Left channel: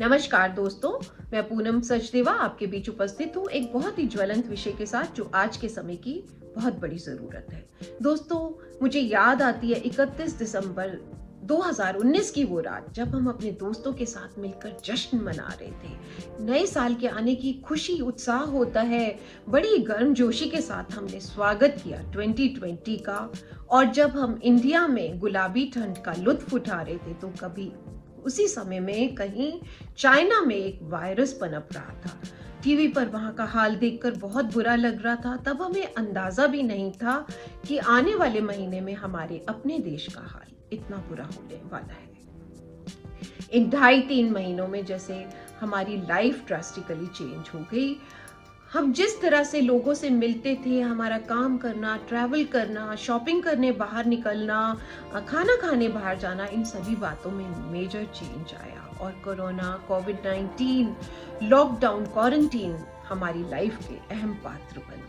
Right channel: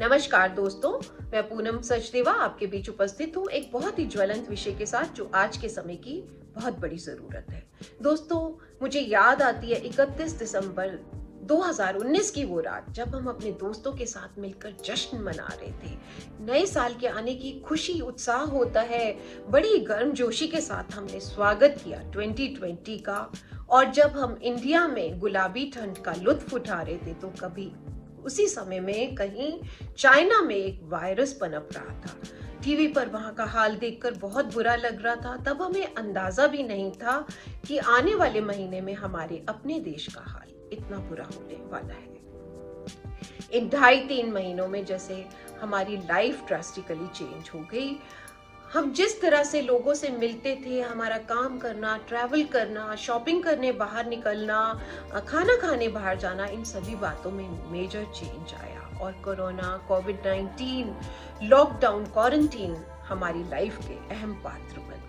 नमस्कार दोस्तों, मैं पूनम सचदेवा आपके बीच उपस्थित हूँ एक बहुत ही ज्वलंत विषय के साथ जो आज के समय की बहुत बड़ी जरूरत है। दोस्तों, मुझे याद आती है 31 दिसंबर 2019 की वो रात जब हम अपने दोस्तों के साथ मिलकर जश्न मना रहे थे। नए साल के आने की खुशी उत्साह होता है। बड़ी गर्मजोशी के साथ हमने स्वागत किया 2020 का। और जब हम इंडिया में गुलाबी ठंड का लुत्फ उठा रहे थे तो कभी उसी समय में कहीं चाइना में एक वायरस पनप रहा था। टीवी पर वहां का हाल देखकर बहुत बुरा लग रहा था। तब हमें अंदाजा भी नहीं था कि आने वाले महीने में हमारे अपने देश का हाल इतना बुरा होने वाला है। इन 2.5-3 महीनों में जैसे हमारी लाइफ ड्रास्टिकली चेंज हो गई। हम जिस तरह से लोगों से मिलते थे, हमारा काम करना, ट्रैवल करना, शॉपिंग करने बाहर निकलना, खाना खाने बाहर जाना, इन सभी बातों में मेजर चेंज आया। और कोरोना, कोविड-19, लॉकडाउन, क्वारंटीन हमारी लाइफ के अहम पात्र बन गए।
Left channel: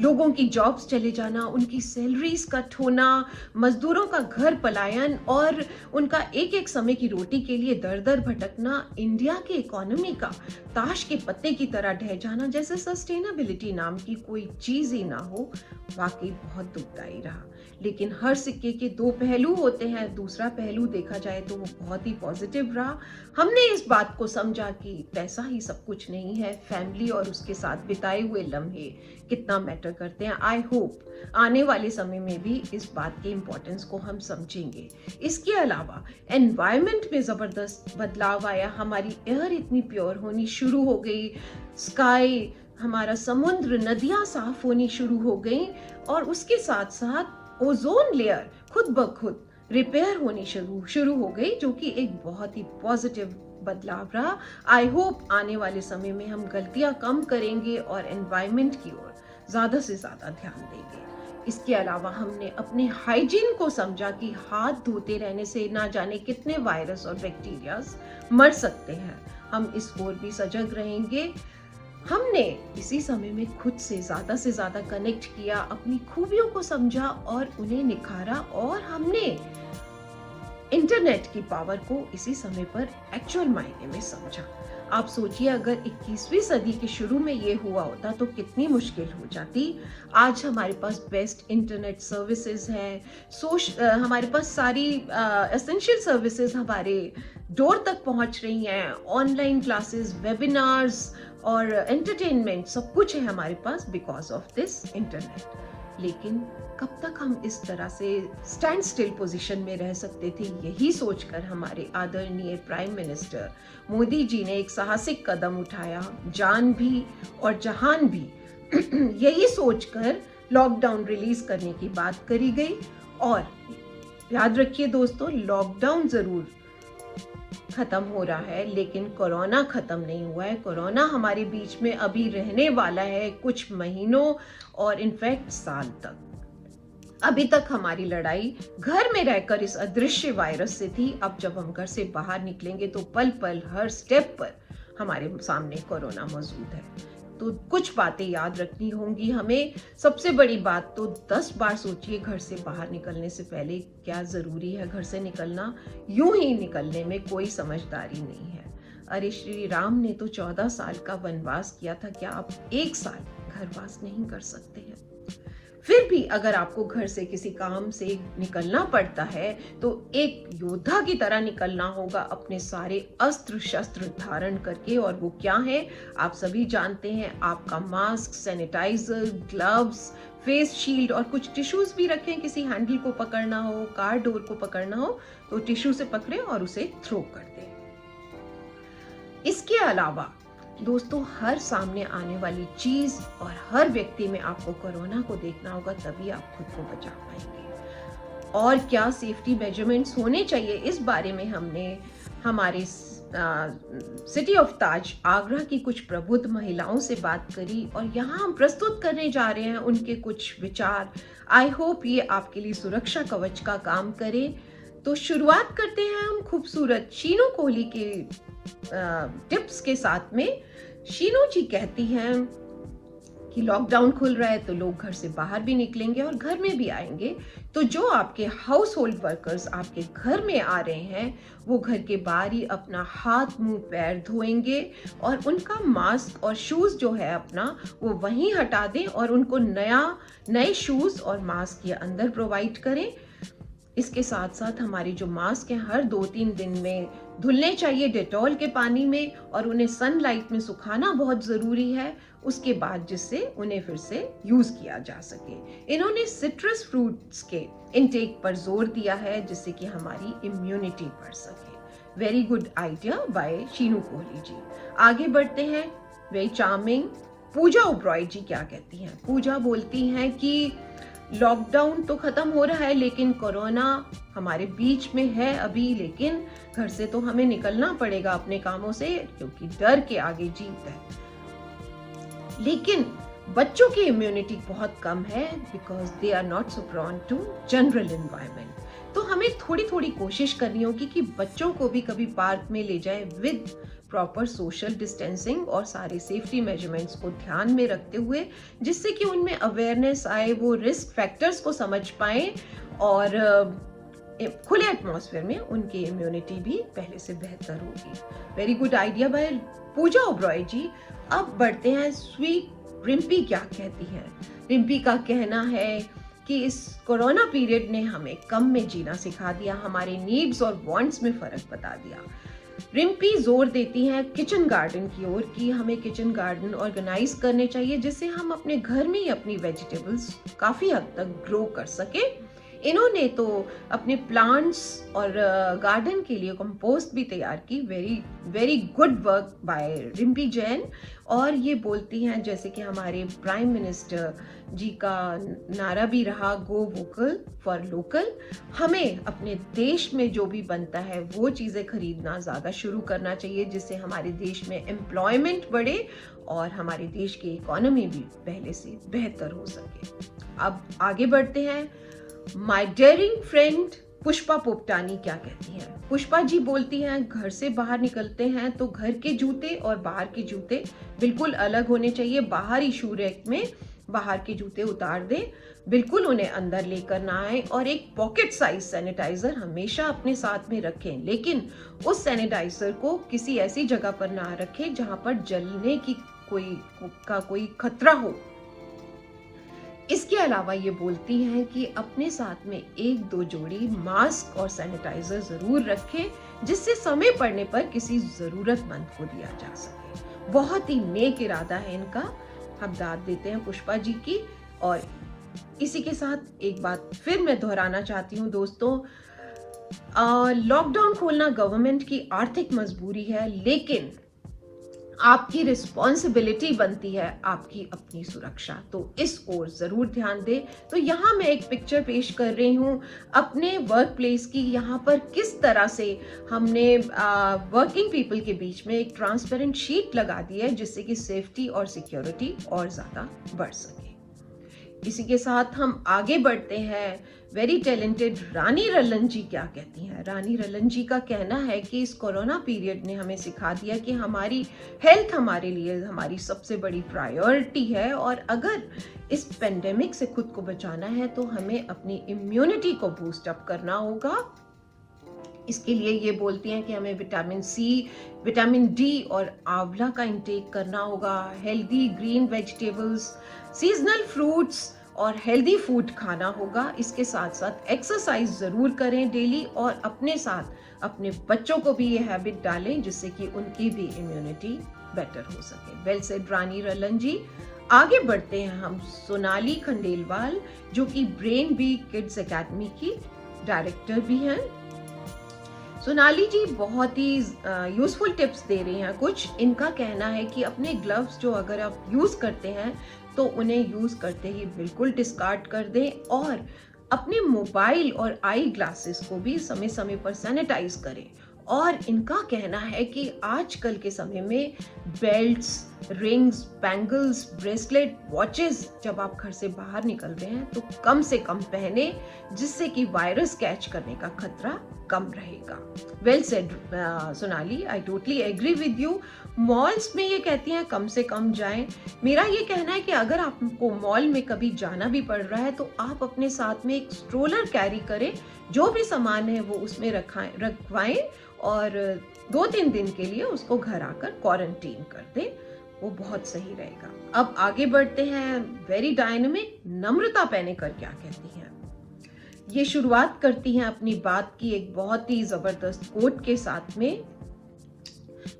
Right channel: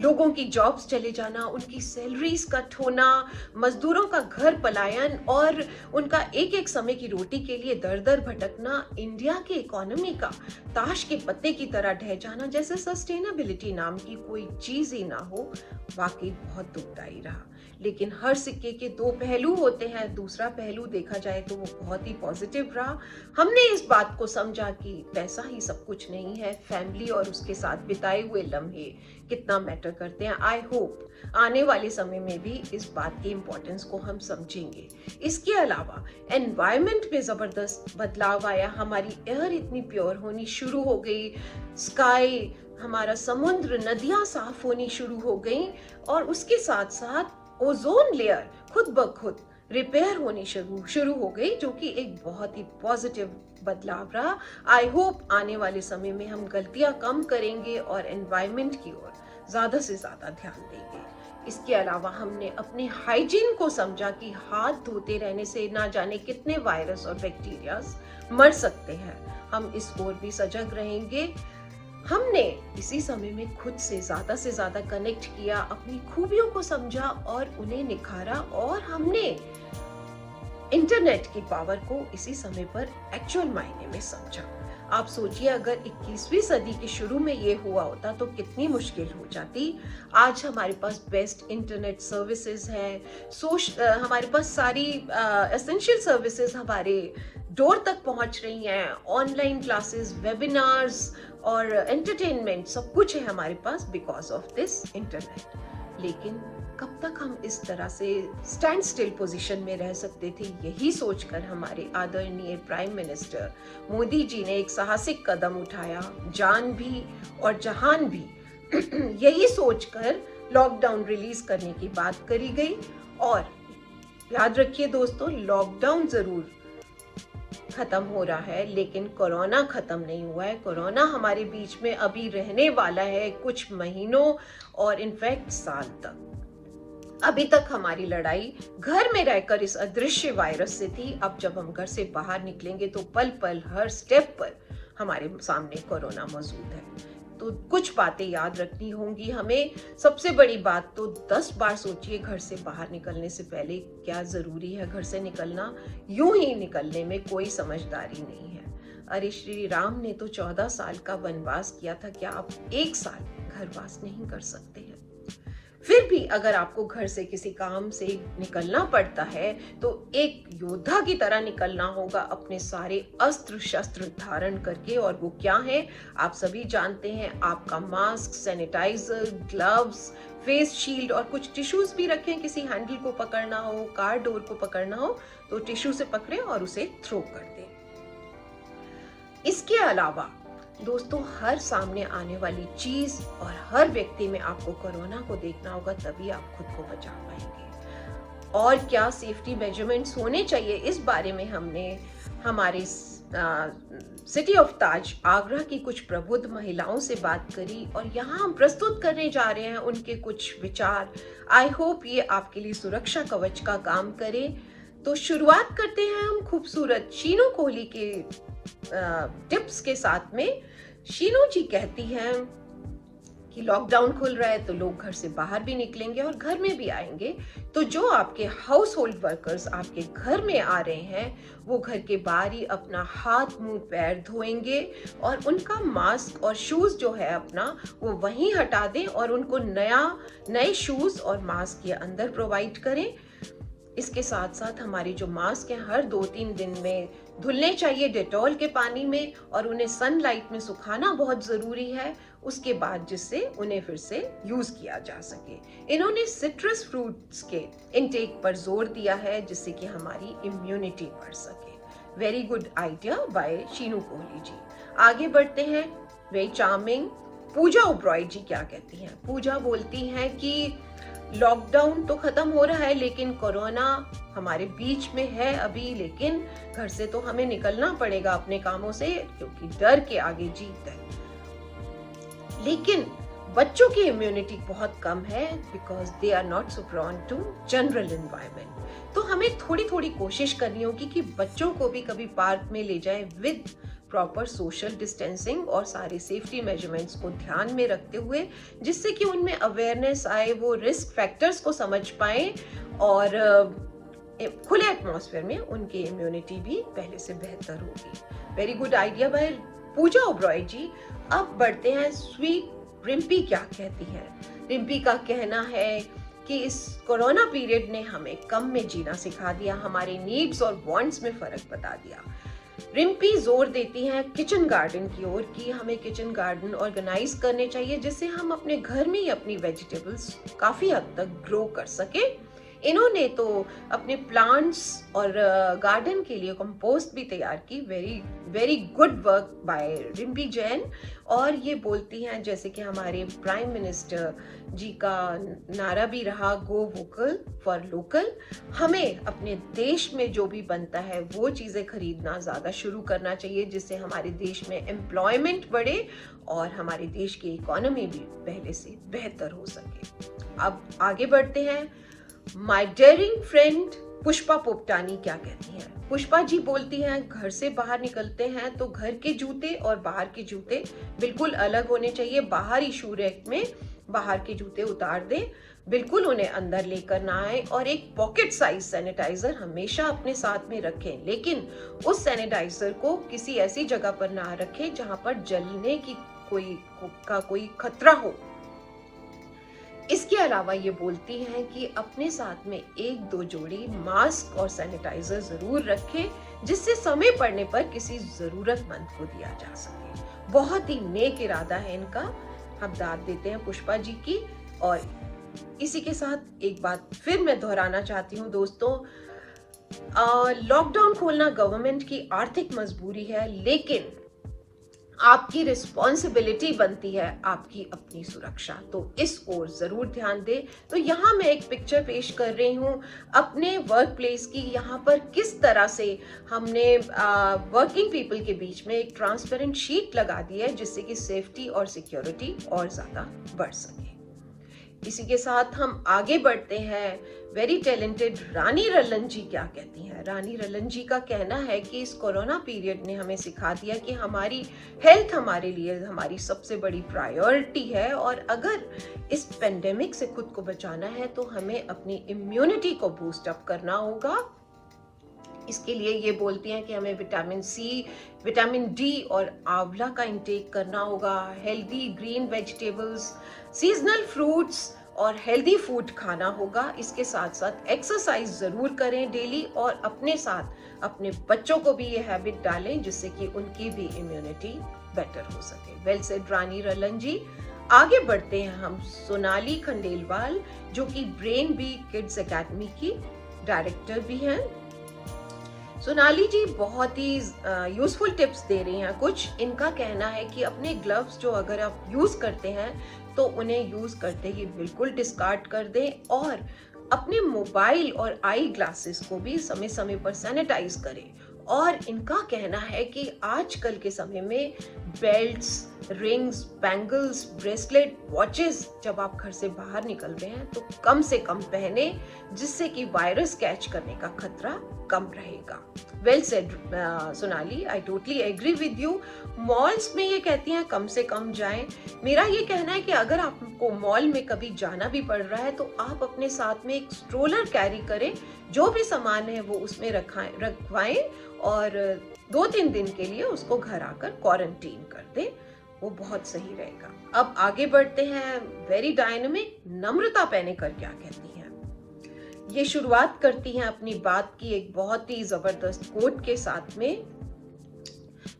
लोगों की जॉब्स चले जाना, उनकी सैलरीज कट होना, मजदूरों का घर पलायन और उनका एक एक समय की रोटी के लिए दर दर भटकना, इंडिया की इकोनॉमी का ताश के पत्ते की तरह ढह जाना, जैसे सस्टेनेबिलिटी नाम की कोई चीज ही ना हो, वाकई बहुत दुखदाई रहा। लेकिन हर सिक्के के दो पहलू होते हैं। दूसरा पहलू देखा जाए तो वो बहुत ही पॉजिटिव रहा। हमने इस बात को समझा कि पैसा ही सब कुछ नहीं है, फैमिली और उसके साथ बिताए हुए लम्हे कितना मैटर करते हैं। आई होप आने वाले समय में भी इस बात की इम्पोर्टेंस को हम समझेंगे। इसके अलावा एनवायरनमेंट में जबरदस्त बदलाव आया। हमारी एयर इतनी प्योर होनी शुरू हो गई, स्काई, हमारा समुद्र, नदियां साफ होनी शुरू हो गई और उसके साथ साथ ओजोन लेयर खुद ब खुद रिपेयर होनी शुरू हो गई, जो कि एक बहुत ही पॉजिटिव बदलाव रहा। आई होप आने वाले समय में हम गलतियां कम करेंगे और एनवायरनमेंट की ओर ज्यादा से ज्यादा ध्यान देंगे। इसके अलावा हमने अपने हाइजीन को समझा कि हाथ धोते रहने से ना जाने कितने वायरस और बैक्टीरियाज मर सकते हैं। हम इस ओर भी सजग रहेंगे। हमने इसी समय में खुद से ज्यादा कनेक्ट किया, अपनी खूबियों को समझा और उन्हें निखारा। और हमने इंटरनेट की पावर को इसी समय पर एक्चुअल मायने में समझा। आप सोचिए, अगर 21वीं सदी के शुरू में ये हुआ होता तो कितनी मुश्किल हो जाती। आज हमारे पास बेस्ट इंटरनेट सर्विसेज हैं, हमारे पास सारी एसेंशियल सर्विसेज हमारे डोर तक पहुंच रही हैं। ऑनलाइन क्लासेस, वेबिनार्स और एंटरटेनमेंट सब कुछ है हमारे पास बिकॉज ऑफ दिस इंटरनेट। लेकिन कब तक हम इस तरह से स्टैंड स्टिल पोजीशन में रह सकते थे, यही सोचकर हमारे आदरणीय प्राइम मिनिस्टर मोदी जी ने एक साहसिक कदम उठाया, जान भी और जहान भी यही सोचकर लॉकडाउन रिलीज करने की बात करी गई। और याद रखिए दोस्तों, लॉकडाउन जरूर खत्म हो रहा है लेकिन कोरोना खत्म नहीं हुआ है। कोरोना हमारे बीच में अभी रहने वाला है कुछ महीनों और इनफैक्ट साल तक। अभी तक हमारी लड़ाई घर में रहकर इस अदृश्य वायरस से थी। अब जब हम घर से बाहर निकलेंगे तो पल पल हर स्टेप पर हमारे सामने कोरोना मौजूद है। तो कुछ बातें याद रखनी होंगी हमें। सबसे बड़ी बात तो 10 बार सोचिए घर से बाहर निकलने से पहले क्या जरूरी है घर से निकलना। यूं ही निकलने में कोई समझदारी नहीं है। अरे श्री राम ने तो 14 साल का वनवास किया था, क्या आप 1 साल घरवास नहीं कर सकते हैं? फिर भी अगर आपको घर से किसी काम से निकलना पड़ता है तो एक योद्धा की तरह निकलना होगा, अपने सारे अस्त्र शस्त्र धारण करके। और वो क्या है आप सभी जानते हैं। आपका mask, sanitizer, gloves, face shield और कुछ टिश्यूज भी रखें। किसी हैंडल को पकड़ना हो, कार डोर को पकड़ना हो तो टिश्यू से पकड़ें और उसे थ्रो कर दें। इसके अलावा दोस्तों, हर सामने आने वाली चीज और हर व्यक्ति में आपको कोरोना को देखना होगा, तभी आप खुद को बचा पाएंगे। और क्या सेफ्टी मेजरमेंट्स होने चाहिए, इस बारे में हमने हमारे सिटी ऑफ ताज आगरा की कुछ प्रबुद्ध महिलाओं से बात करी और यहाँ हम प्रस्तुत करने जा रहे हैं उनके कुछ विचार। आई होप ये आपके लिए सुरक्षा कवच का काम करे। तो शुरुआत करते हैं हम खूबसूरत शीनू कोहली के टिप्स के साथ में। शीनू जी कहती हैं कि लॉकडाउन खुल रहा है तो लोग घर से बाहर भी निकलेंगे और घर में भी आएंगे, तो जो आपके हाउस होल्ड वर्कर्स आपके घर में आ रहे हैं वो घर के बाहर ही अपना हाथ मुंह पैर धोएंगे और उनका मास्क और शूज जो है अपना वो वहीं हटा दें और उनको नए शूज और मास्क ये अंदर प्रोवाइड करें। इसके साथ साथ हमारे जो मास्क हैं हर 2-3 दिन में धुलने चाहिए डेटॉल के पानी में और उन्हें सनलाइट में सुखाना बहुत ज़रूरी है, उसके बाद जिससे उन्हें फिर से यूज़ किया जा सके। इन्होंने सिट्रस फ्रूट्स के इनटेक पर जोर दिया है जिससे कि हमारी इम्यूनिटी बढ़ सके। Very good idea by Sheenu Kohli ji. आगे बढ़ते हैं। Very charming. पूजा ओबरॉय जी क्या कहती हैं? पूजा बोलती हैं कि लॉकडाउन तो खत्म हो रहा है लेकिन कोरोना हमारे बीच में है अभी, लेकिन घर से तो हमें निकलना पड़ेगा अपने कामों से क्योंकि डर के आगे जीत है। लेकिन बच्चों की इम्यूनिटी बहुत कम है because they are not so prone to general environment. तो हमें थोड़ी थोड़ी कोशिश करनी होगी कि बच्चों को भी कभी पार्क में ले जाए विद प्रॉपर सोशल डिस्टेंसिंग और सारे सेफ्टी मेजरमेंट्स को ध्यान में रखते हुए, जिससे कि उनमें अवेयरनेस आए, वो रिस्क फैक्टर्स को समझ पाएं और खुले एटमॉस्फेयर में उनकी इम्यूनिटी भी पहले से बेहतर होगी। वेरी गुड आइडिया बाय पूजा ओबरॉय जी। अब बढ़ते हैं स्वीट रिम्पी क्या कहती है। रिम्पी का कहना है कि इस कोरोना पीरियड ने हमें कम में जीना सिखा दिया, हमारे नीड्स और वांट्स में फर्क बता दिया। रिम्पी जोर देती हैं किचन गार्डन की ओर कि हमें किचन गार्डन ऑर्गेनाइज करने चाहिए जिससे हम अपने घर में ही अपनी वेजिटेबल्स काफी हद तक ग्रो कर सके। इन्होंने तो अपने प्लांट्स और गार्डन के लिए कंपोस्ट भी तैयार की। Very very good work by Rimpy Jain. और ये बोलती हैं जैसे कि हमारे प्राइम मिनिस्टर जी का नारा भी रहा, गो वोकल फॉर लोकल। हमें अपने देश में जो भी बनता है वो चीज़ें खरीदना ज़्यादा शुरू करना चाहिए जिससे हमारे देश में एम्प्लॉयमेंट बढ़े और हमारे देश की इकोनॉमी भी पहले से बेहतर हो सके। अब आगे बढ़ते हैं। My daring friend Pushpa Popatani क्या कहती हैं? पुष्पा जी बोलती हैं घर से बाहर निकलते हैं तो घर के जूते और बाहर के जूते बिल्कुल अलग होने चाहिए। बाहर ही शू रैक में बाहर के जूते उतार दें, बिल्कुल उन्हें अंदर लेकर ना आए और एक पॉकेट साइज सैनिटाइजर हमेशा अपने साथ में रखें, लेकिन उस सैनिटाइजर को किसी ऐसी जगह पर ना रखें जहां पर जलने की कोई खतरा हो। इसके अलावा ये बोलती हैं कि अपने साथ में 1-2 जोड़ी मास्क और सैनिटाइजर जरूर रखें जिससे समय पड़ने पर किसी जरूरतमंद को दिया जा सके। बहुत ही नेक इरादा है इनका, हम दाद देते हैं पुष्पा जी की। और इसी के साथ एक बात फिर मैं दोहराना चाहती हूँ दोस्तों, लॉकडाउन खोलना गवर्नमेंट की आर्थिक मजबूरी है, लेकिन आपकी रिस्पॉन्सिबिलिटी बनती है आपकी अपनी सुरक्षा, तो इस ओर जरूर ध्यान दें। तो यहाँ मैं एक पिक्चर पेश कर रही हूँ अपने वर्क प्लेस की। यहाँ पर किस तरह से हमने वर्किंग पीपल के बीच में एक ट्रांसपेरेंट शीट लगा दी है जिससे कि सेफ्टी और सिक्योरिटी और ज्यादा बढ़ सके। इसी के साथ हम आगे बढ़ते हैं। वेरी टैलेंटेड रानी रलन जी क्या कहती हैं? रानी रलन जी का कहना है कि इस कोरोना पीरियड ने हमें सिखा दिया कि हमारी हेल्थ हमारे लिए हमारी सबसे बड़ी प्रायोरिटी है और अगर इस पेंडेमिक से खुद को बचाना है तो हमें अपनी इम्यूनिटी को बूस्ट अप करना होगा। इसके लिए ये बोलती हैं कि हमें विटामिन सी, विटामिन डी और आंवला का इंटेक करना होगा, healthy green vegetables, seasonal fruits और हेल्दी फूड खाना होगा। इसके साथ साथ एक्सरसाइज जरूर करें डेली और अपने साथ अपने बच्चों को भी ये हैबिट डालें जिससे कि उनकी भी इम्यूनिटी बेटर हो सके। वेल सेड रानी रलन जी। आगे बढ़ते हैं हम सोनाली खंडेलवाल जो कि ब्रेन बी किड्स एकेडमी की डायरेक्टर भी हैं। सोनाली जी बहुत ही यूजफुल टिप्स दे रही हैं कुछ। इनका कहना है कि अपने ग्लव्स जो अगर आप यूज करते हैं तो उन्हें यूज करते ही बिल्कुल डिस्कार्ड कर दें और अपने मोबाइल और आई ग्लासेस को भी समय समय पर सैनिटाइज करें। और इनका कहना है कि आजकल के समय में belts, rings, bangles, bracelet, watches जब आप घर से बाहर निकल रहे हैं तो कम से कम पहने जिससे कि वायरस कैच करने का खतरा कम रहेगा। Well said Sonali, I totally agree with you. Malls में ये कहती हैं कम से कम जाएं। मेरा ये कहना है कि अगर आपको मॉल में कभी जाना भी पड़ रहा है तो आप अपने साथ में एक स्ट्रोलर कैरी करें, जो भी सामान है वो उसमें रखवाएं और 2-3 दिन के लिए उसको घर आकर क्वारंटीन कर दें, वो बहुत सही रहेगा। अब आगे बढ़ते हैं। वेरी डायनेमिक नम्रता पैनेकर क्या कहती हैं। ये शुरुआत करती हैं अपनी बात की एक बहुत ही जबरदस्त कोट के साथ में,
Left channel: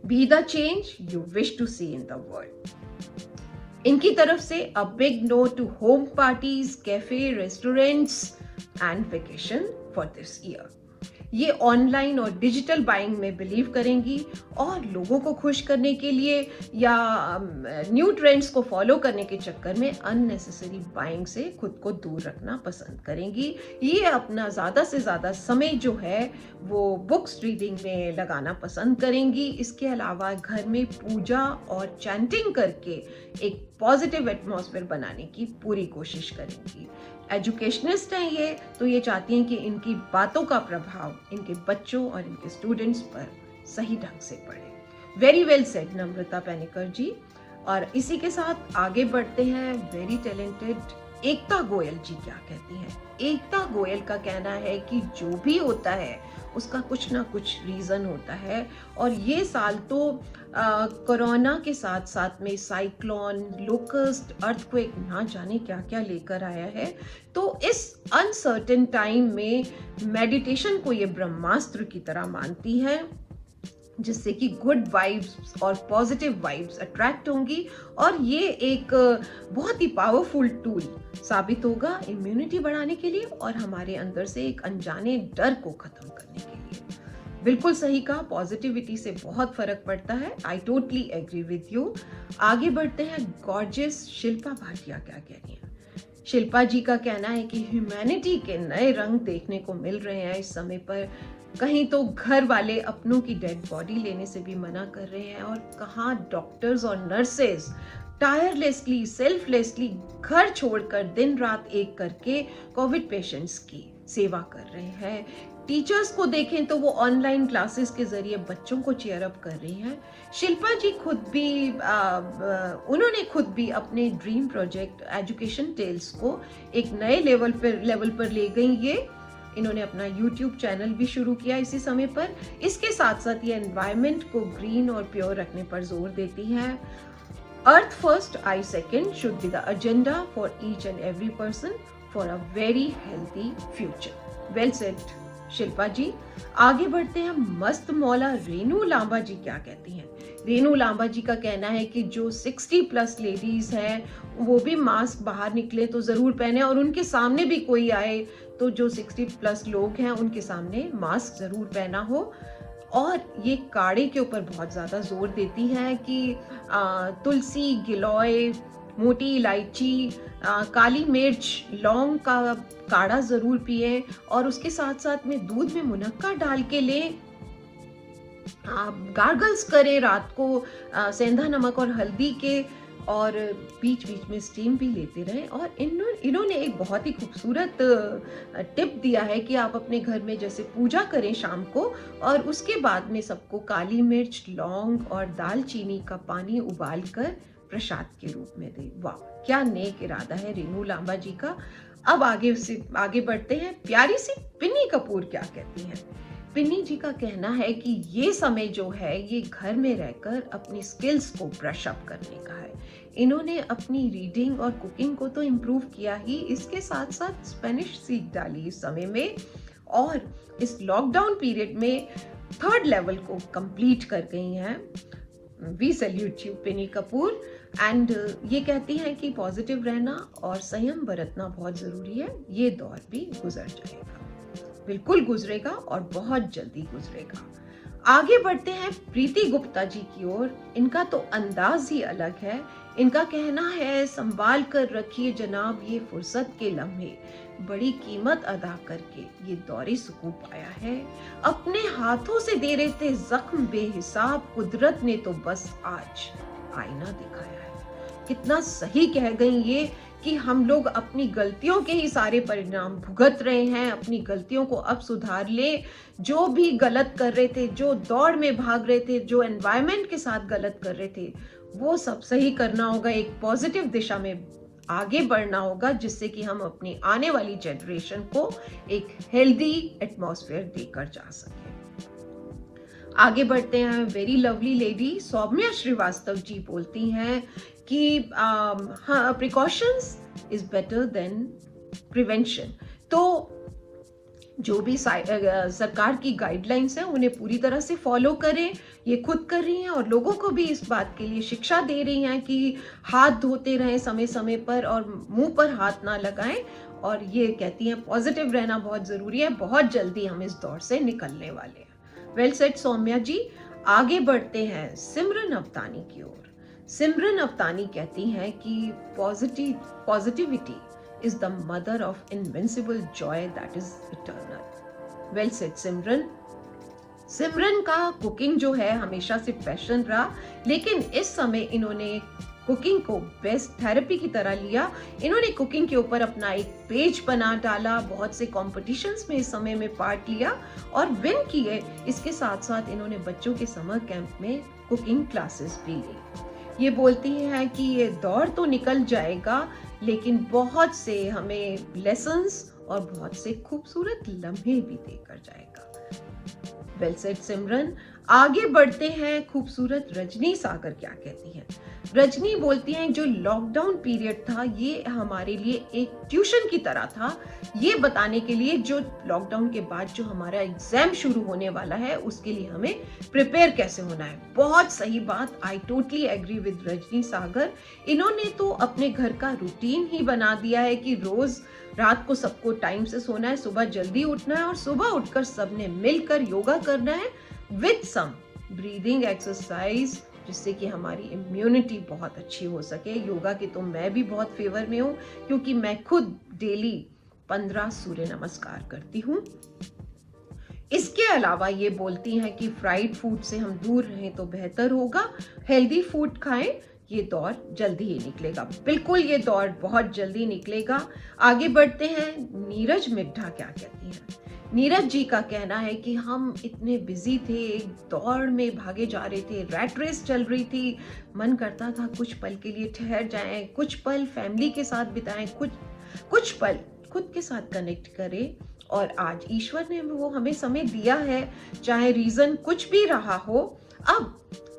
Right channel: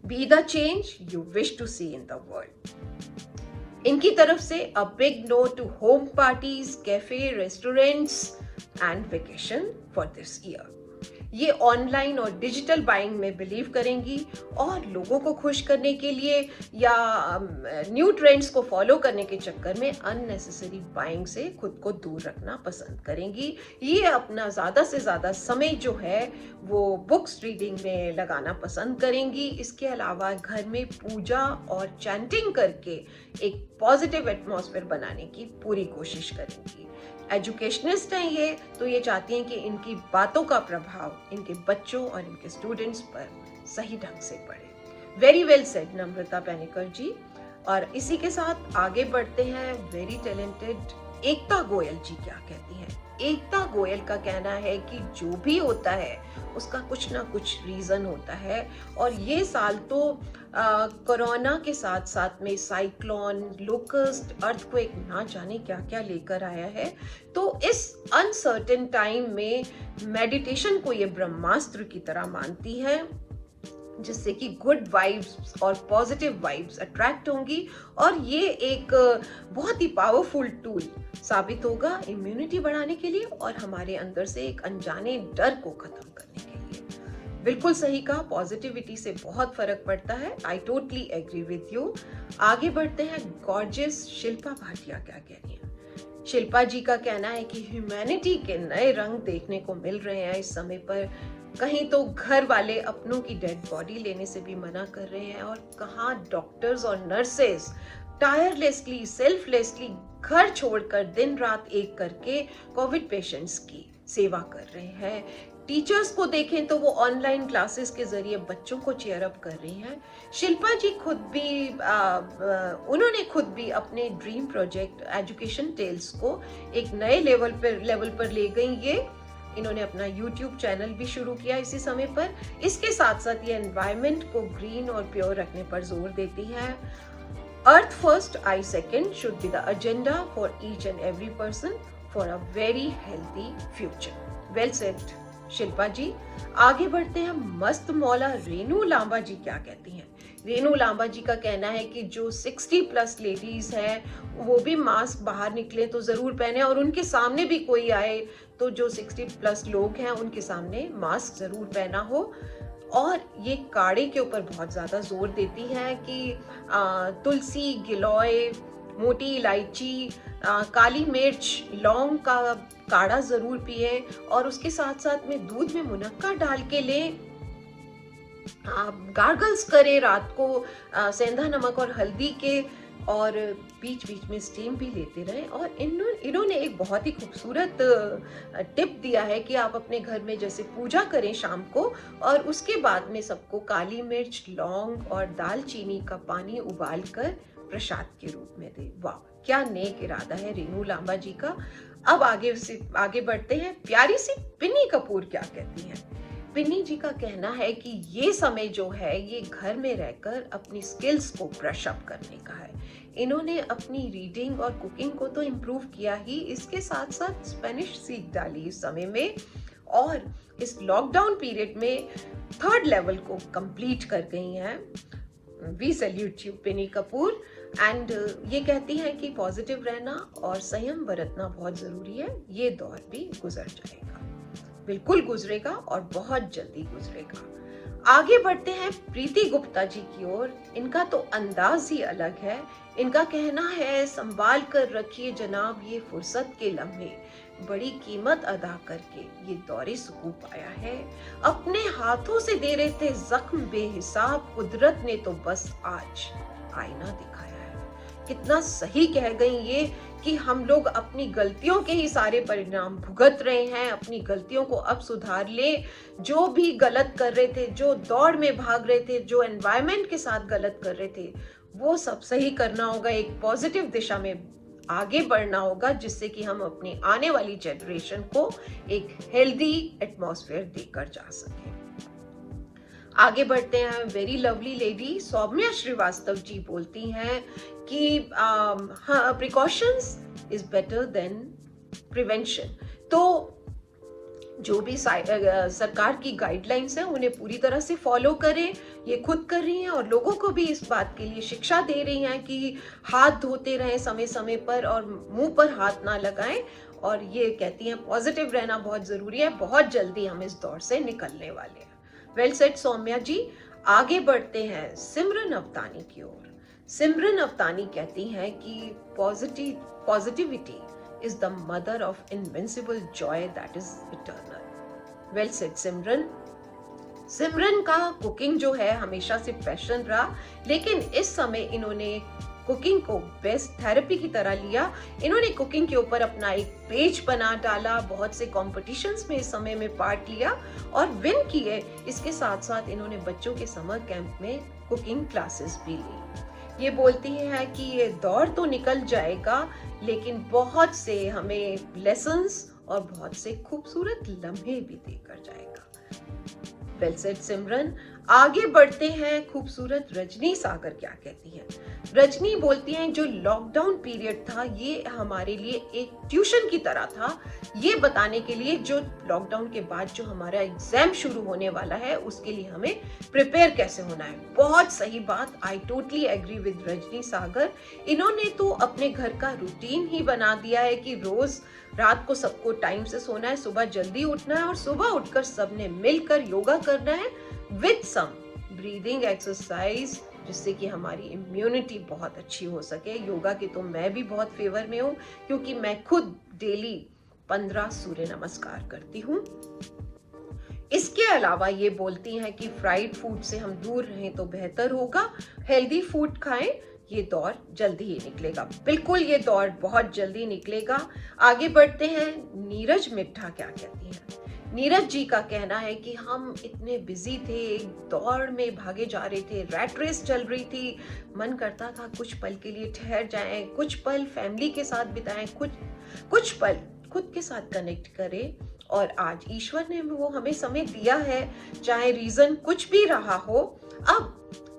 be the change you wish to see in the world. इनकी तरफ से a big no to home parties, cafe, restaurants and vacation for this year. ये ऑनलाइन और डिजिटल बाइंग में बिलीव करेंगी और लोगों को खुश करने के लिए या न्यू ट्रेंड्स को फॉलो करने के चक्कर में अननेसेसरी बाइंग से खुद को दूर रखना पसंद करेंगी। ये अपना ज़्यादा से ज़्यादा समय जो है वो बुक्स रीडिंग में लगाना पसंद करेंगी। इसके अलावा घर में पूजा और चैंटिंग करके एक पॉजिटिव एटमॉस्फेयर बनाने की पूरी कोशिश करेंगी। एजुकेशनिस्ट हैं ये, तो ये चाहती हैं कि इनकी बातों का प्रभाव इनके बच्चों और इनके स्टूडेंट्स पर सही ढंग से पड़े। वेरी वेल सेड नम्रता पैनेकर जी। और इसी के साथ आगे बढ़ते हैं। वेरी टैलेंटेड एकता गोयल जी क्या कहती हैं। एकता गोयल का कहना है कि जो भी होता है उसका कुछ ना कुछ रीजन होता है, और ये साल तो कोरोना के साथ साथ में साइक्लोन, लोकस्ट, अर्थक्वेक, ना जाने क्या क्या लेकर आया है। तो इस अनसर्टेन टाइम में मेडिटेशन को ये ब्रह्मास्त्र की तरह मानती है, जिससे कि गुड वाइब्स और पॉजिटिव वाइब्स अट्रैक्ट होंगी, और ये एक बहुत ही पावरफुल टूल साबित होगा इम्यूनिटी बढ़ाने के लिए और हमारे अंदर से एक अनजाने डर को खत्म करने के लिए। बिल्कुल सही कहा, पॉजिटिविटी से बहुत फर्क पड़ता है। I totally agree with you. आगे बढ़ते हैं। गॉर्जियस शिल्पा भाटिया क्या कह रही हैं। शिल्पा जी का कहना है कि ह्यूमैनिटी के नए रंग देखने को मिल रहे हैं इस समय पर। कहीं तो घर वाले अपनों की डेड बॉडी लेने से भी मना कर रहे हैं, और कहाँ डॉक्टर्स और नर्सेज टायरलेसली, सेल्फलेसली घर छोड़कर दिन रात एक करके कोविड पेशेंट्स की सेवा कर रहे हैं। टीचर्स को देखें तो वो ऑनलाइन क्लासेस के जरिए बच्चों को चेयर अप कर रही हैं। शिल्पा जी खुद भी उन्होंने खुद भी अपने ड्रीम प्रोजेक्ट एजुकेशन टेल्स को एक नए लेवल पर ले गई। ये इन्होंने अपना YouTube चैनल भी शुरू किया इसी समय पर। इसके साथ साथ ये एनवायरनमेंट को ग्रीन और प्योर रखने पर जोर देती हैं। Earth first, I second should be the agenda for each and every person for a very healthy future. Well said Shilpa ji. आगे बढ़ते हैं। मस्त मौला रेनू लांबा जी क्या कहती हैं। रेनू लांबा जी का कहना है कि जो 60+ लेडीज हैं वो भी मास्क बाहर निकले तो जरूर पहने, और उनके सामने भी कोई आए तो जो 60+ लोग हैं उनके सामने मास्क जरूर पहना हो। और ये काढ़े के ऊपर बहुत ज़्यादा जोर देती हैं कि तुलसी, गिलोय, मोटी इलायची, काली मिर्च, लौंग का काढ़ा ज़रूर पिए, और उसके साथ साथ में दूध में मुनक्का डाल के लें। गार्गल्स करें रात को सेंधा नमक और हल्दी के, और बीच बीच में स्टीम भी लेते रहें। और इन्होंने एक बहुत ही खूबसूरत टिप दिया है कि आप अपने घर में जैसे पूजा करें शाम को, और उसके बाद में सबको काली मिर्च, लौंग और दालचीनी का पानी उबाल कर प्रसाद के रूप में दें। वाह, क्या नेक इरादा है रेनू लांबा जी का। अब आगे बढ़ते हैं। प्यारी सी पिन्नी कपूर क्या कहती हैं। पिन्नी जी का कहना है कि ये समय जो है ये घर में रहकर अपनी स्किल्स को ब्रश अप करने का है। इन्होंने अपनी रीडिंग और कुकिंग को तो इम्प्रूव किया ही, इसके साथ साथ स्पेनिश सीख डाली इस समय में, और इस लॉकडाउन पीरियड में 3rd लेवल को कंप्लीट कर गई हैं। We salute you Pinni Kapoor. And ये कहती हैं कि पॉजिटिव रहना और संयम बरतना बहुत जरूरी है। ये दौर भी गुजर जाएगा, बिल्कुल गुजरेगा और बहुत जल्दी गुजरेगा। आगे बढ़ते हैं प्रीति गुप्ता जी की ओर। इनका तो अंदाज ही अलग है। इनका कहना है, संभाल कर रखिए जनाब ये फुर्सत के लम्हे, बड़ी कीमत अदा करके ये दौरे सुकून पाया है। अपने हाथों से दे रहे थे जख्म बेहिसाब, कुदरत ने तो बस आज आईना दिखाया है। कितना सही कह गई ये कि हम लोग अपनी गलतियों के ही सारे परिणाम भुगत रहे हैं। अपनी गलतियों को अब सुधार ले। जो भी गलत कर रहे थे, जो दौड़ में भाग रहे थे, जो एनवायरनमेंट के साथ गलत कर रहे थे, वो सब सही करना होगा। एक पॉजिटिव दिशा में आगे बढ़ना होगा, जिससे कि हम अपनी आने वाली जनरेशन को एक हेल्दी एटमॉस्फेयर देकर जा सकें। आगे बढ़ते हैं। Very lovely lady Saumya Srivastava ji बोलती हैं कि precautions is better than prevention. तो जो भी सरकार की गाइडलाइंस है उन्हें पूरी तरह से फॉलो करें। ये खुद कर रही हैं और लोगों को भी इस बात के लिए शिक्षा दे रही हैं कि हाथ धोते रहें समय समय पर और मुंह पर हाथ ना लगाएं। और ये कहती हैं पॉजिटिव रहना बहुत जरूरी है। बहुत जल्दी हम इस दौर से निकलने वाले हैं। वेल सेड सौम्या जी। आगे बढ़ते हैं सिमरन अवतानी की ओर। सिमरन अवतानी कहती हैं कि positivity is the mother of invincible joy that is eternal. Well said सिमरन। सिमरन का कुकिंग जो है हमेशा से पैशन रहा, लेकिन इस समय इन्होंने कुकिंग को बेस्ट थेरेपी की तरह लिया। इन्होंने कुकिंग के ऊपर अपना एक पेज बना डाला, बहुत से कॉम्पिटिशन्स में इस समय में पार्ट लिया और विन किए। इसके साथ साथ इन्होंने बच्चों के समर कैंप में कुकिंग क्लासेस भी ली। ये बोलती है कि ये दौर तो निकल जाएगा, लेकिन बहुत से हमें लेसन्स और बहुत से खूबसूरत लम्हे भी देकर जाएगा। वेल सेड सिमरन। आगे बढ़ते हैं। खूबसूरत रजनी सागर क्या कहती है। रजनी बोलती हैं जो लॉकडाउन पीरियड था ये हमारे लिए एक ट्यूशन की तरह था, ये बताने के लिए जो लॉकडाउन के बाद जो हमारा एग्जाम शुरू होने वाला है उसके लिए हमें प्रिपेयर कैसे होना है। बहुत सही बात। I totally agree with Rajni Sagar. इन्होंने तो अपने घर का रूटीन ही बना दिया है कि रोज रात को सबको टाइम से सोना है, सुबह जल्दी उठना है और सुबह उठकर सबने मिलकर योगा करना है विद सम ब्रीदिंग एक्सरसाइज, जिससे कि हमारी इम्यूनिटी बहुत अच्छी हो सके। योगा के तो मैं भी बहुत फेवर में हूँ, क्योंकि मैं खुद डेली 15 सूर्य नमस्कार करती हूँ। इसके अलावा ये बोलती हैं कि फ्राइड फूड से हम दूर रहें तो बेहतर होगा, हेल्दी फूड खाएं। ये दौर जल्दी ही निकलेगा। बिल्कुल ये दौर बहुत जल्दी निकलेगा। आगे बढ़ते हैं। नीरज मिड्ढा क्या कहती हैं। नीरज जी का कहना है कि हम इतने बिजी थे, एक दौड़ में भागे जा रहे थे, रैट रेस चल रही थी, मन करता था कुछ पल के लिए ठहर जाएं, कुछ पल फैमिली के साथ बिताएं, कुछ पल खुद के साथ कनेक्ट करें। और आज ईश्वर ने वो हमें समय दिया है, चाहे रीजन कुछ भी रहा हो।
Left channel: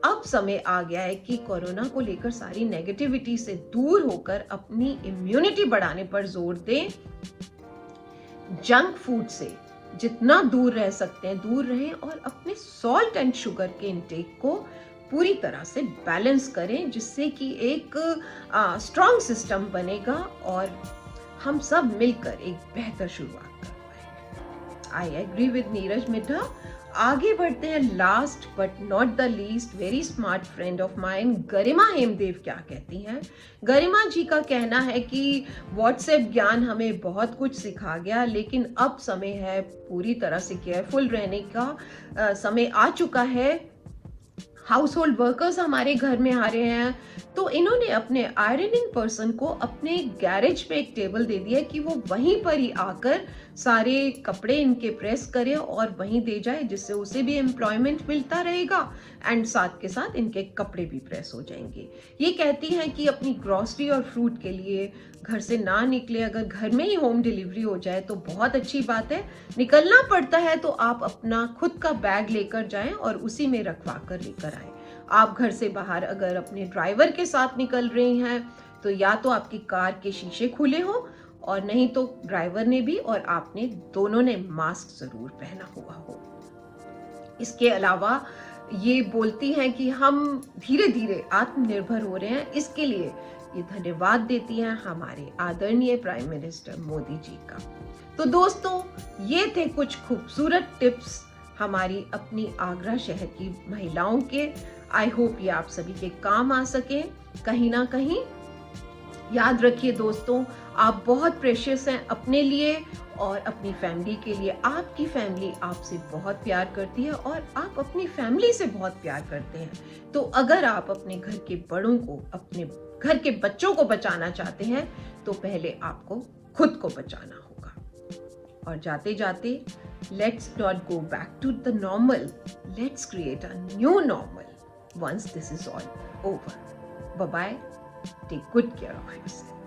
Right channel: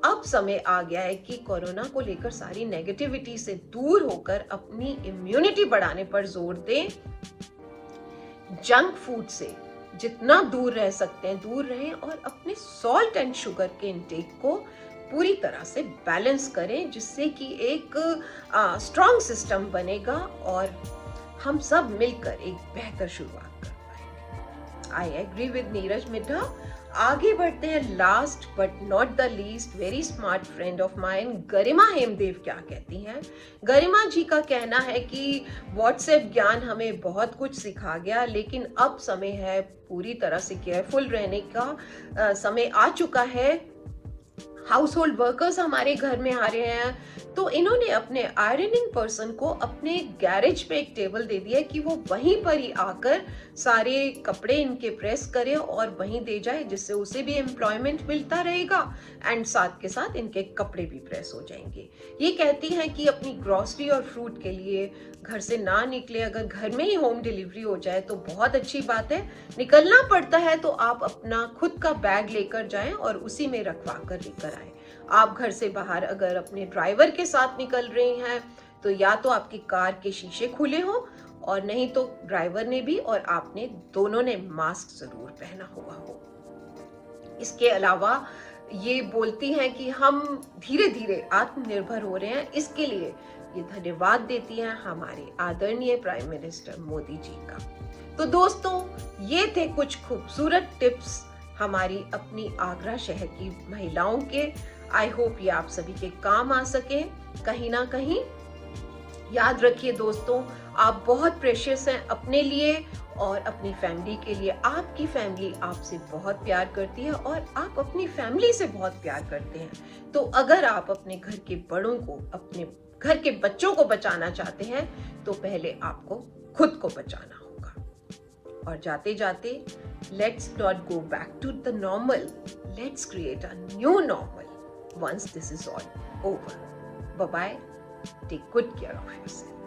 अब समय आ गया है कि कोरोना को लेकर सारी नेगेटिविटी से दूर होकर अपनी इम्यूनिटी बढ़ाने पर जोर दें। जंक फूड से जितना दूर रह सकते हैं दूर रहें और अपने सॉल्ट एंड शुगर के इंटेक को पूरी तरह से बैलेंस करें, जिससे कि एक स्ट्रॉन्ग सिस्टम बनेगा और हम सब मिलकर एक बेहतर शुरुआत कर पाएंगे। I agree with Neeraj Midha. आगे बढ़ते हैं। Last but not the least very smart friend of mine Garima Hemdev क्या कहती हैं। गरिमा जी का कहना है कि व्हाट्सएप ज्ञान हमें बहुत कुछ सिखा गया, लेकिन अब समय है पूरी तरह से केयरफुल रहने का समय आ चुका है। हाउस होल्ड वर्कर्स हमारे घर में आ रहे हैं, तो इन्होंने अपने आयरनिंग पर्सन को अपने गैरेज पे एक टेबल दे दिया कि वो वहीं पर ही आकर सारे कपड़े इनके प्रेस करे और वहीं दे जाए, जिससे उसे भी एम्प्लॉयमेंट मिलता रहेगा एंड साथ के साथ इनके कपड़े भी प्रेस हो जाएंगे। ये कहती हैं कि अपनी ग्रॉसरी और फ्रूट के लिए घर से ना निकले, अगर घर में ही होम डिलीवरी हो जाए तो बहुत अच्छी बात है। निकलना पड़ता है तो आप अपना खुद का बैग लेकर जाएं और उसी में रखवा कर लेकर आए। आप घर से बाहर अगर अपने ड्राइवर के साथ निकल रही हैं तो या तो आपकी कार के शीशे खुले हो और नहीं तो ड्राइवर ने भी और आपने दोनों ने मास्क जरूर पहना हुआ हो। इसके अलावा ये बोलती हैं कि हम धीरे धीरे आत्मनिर्भर हो रहे हैं, इसके लिए ये धन्यवाद देती हैं हमारे आदरणीय प्राइम मिनिस्टर मोदी जी का। तो दोस्तों ये थे कुछ खूबसूरत टिप्स हमारी अपनी आगरा शहर की महिलाओं के। आई होप ये आप सभी के काम आ सके। कहीं ना कहीं याद रखिए दोस्तों, आप बहुत प्रेशियस हैं अपने लिए और अपनी फैमिली के लिए। आपकी फैमिली आपसे बहुत प्यार करती है और आप अपनी फैमिली से बहुत प्यार करते हैं। तो अगर आप अपने घर के बड़ों को, अपने घर के बच्चों को बचाना चाहते हैं तो पहले आपको खुद को बचाना होगा। और जाते जाते let's not go back to the normal, let's create a new normal once this is all over. Bye bye, take good care of yourself.